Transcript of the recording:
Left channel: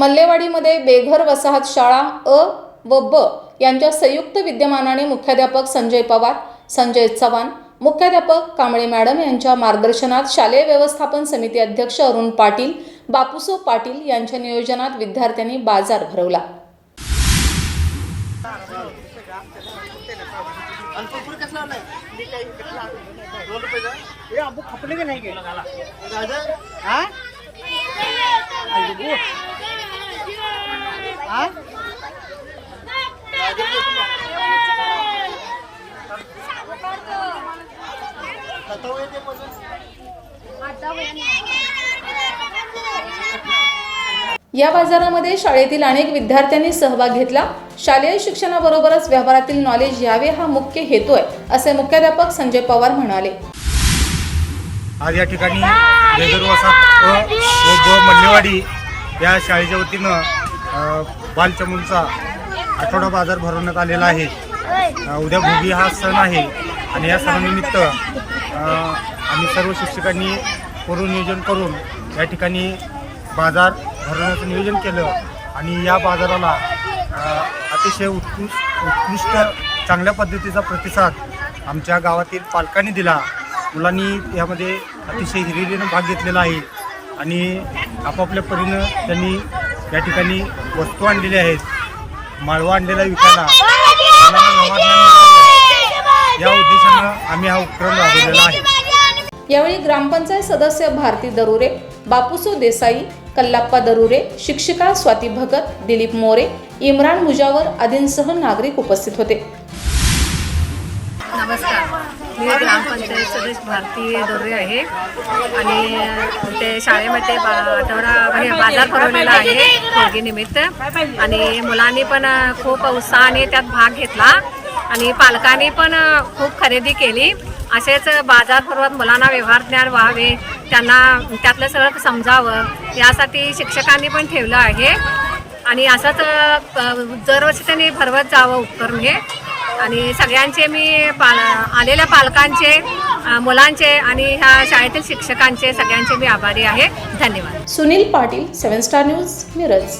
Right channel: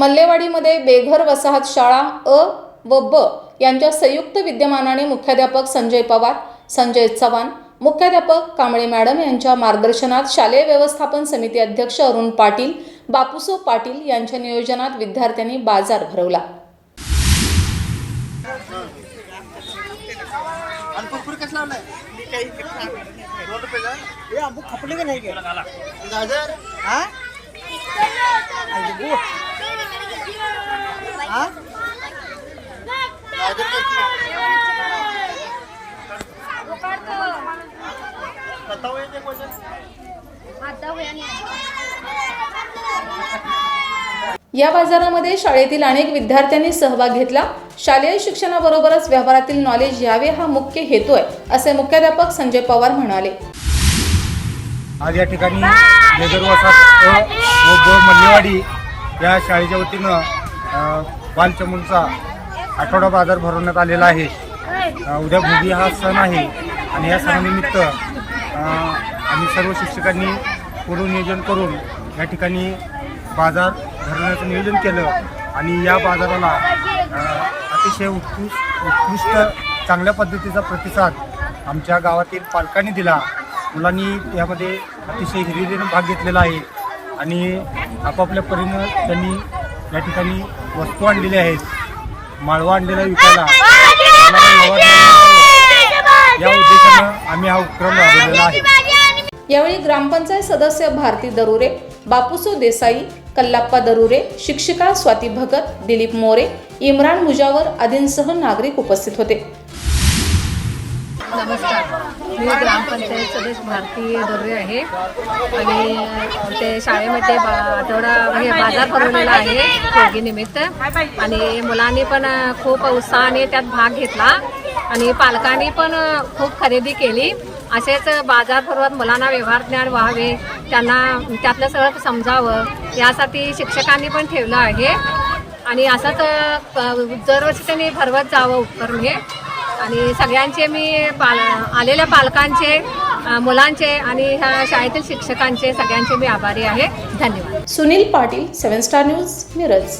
मल्लेवाडीमध्ये बेघर वसाहत शाळा अ व ब यांच्या संयुक्त विद्यमानाने मुख्याध्यापक संजय पवार संजय चव्हाण मुख्याध्यापक कांबळे मॅडम यांच्या मार्गदर्शनात शालेय व्यवस्थापन समिती अध्यक्ष अरुण पाटील बापूसो पाटील यांच्या नियोजनात विद्यार्थ्यांनी बाजार भरवला. खपले का नाही या बाजारामध्ये शाळेतील अनेक विद्यार्थ्यांनी सहभाग घेतला. शालेय शिक्षणाबरोबरच व्यवहारातील नॉलेज यावे हा मुख्य हेतू आहे असे मुख्याध्यापक संजय पवार म्हणाले. आज या ठिकाणी बेगर वसाहत व मल्लेवाडी या शाळेच्या वतीनं बालचमूलचा आठवडा बाजार भरवण्यात आलेला आहे. उद्या भोगी हा सण आहे आणि या सणानिमित्त आम्ही सर्व शिक्षकांनी पूर्वनियोजन करून या ठिकाणी बाजार भरवण्याचं नियोजन केलं आणि या बाजाराला अतिशय उत्कृष्ट उत्कृष्ट चांगल्या पद्धतीचा प्रतिसाद आमच्या गावातील पालकांनी दिला. मुलांनी यामध्ये अतिशय हिरिरीनं भाग घेतलेला आहे आणि आपापल्या परीनं त्यांनी या ठिकाणी वस्तू आणलेल्या आहेत. माळवा आणलेला विकायला. व्यवहार या उद्देशानं आम्ही हा उपक्रम राबवलेला आहे. यावेळी ग्रामपंचायत सदस्य भारती दरुरे बापूसो देसाई कल्लाप्पा दरुरे शिक्षिका स्वाती भगत दिलीप मोरे इम्रान मुजावर आदींसह नागरिक उपस्थित होते. नमस्कार. मी ग्रामपंचायत सदस्य भारती दोर्रे आहे. आणि ते शाळेमध्ये बा आठवडा म्हणजे बाजार भरवलेला आहे होळगीनिमित्त आणि मुलांनी पण खूप उत्साहाने त्यात भाग घेतला. आणि पालकांनी पण खूप खरेदी केली. असेच बाजार भरवत मुलांना व्यवहार ज्ञान व्हावे त्यांना त्यातलं सगळं समजावं यासाठी शिक्षकांनी पण ठेवलं आहे. आणि असंच दरवर्षी त्यांनी भरवत जावं उपक्रम हे. आणि सगळ्यांचे मी पाल आलेल्या पालकांचे मुलांचे आणि ह्या शाळेतील शिक्षकांचे सगळ्यांचे मी आभारी आहे. धन्यवाद. Sunil Patil seven star news Miraj.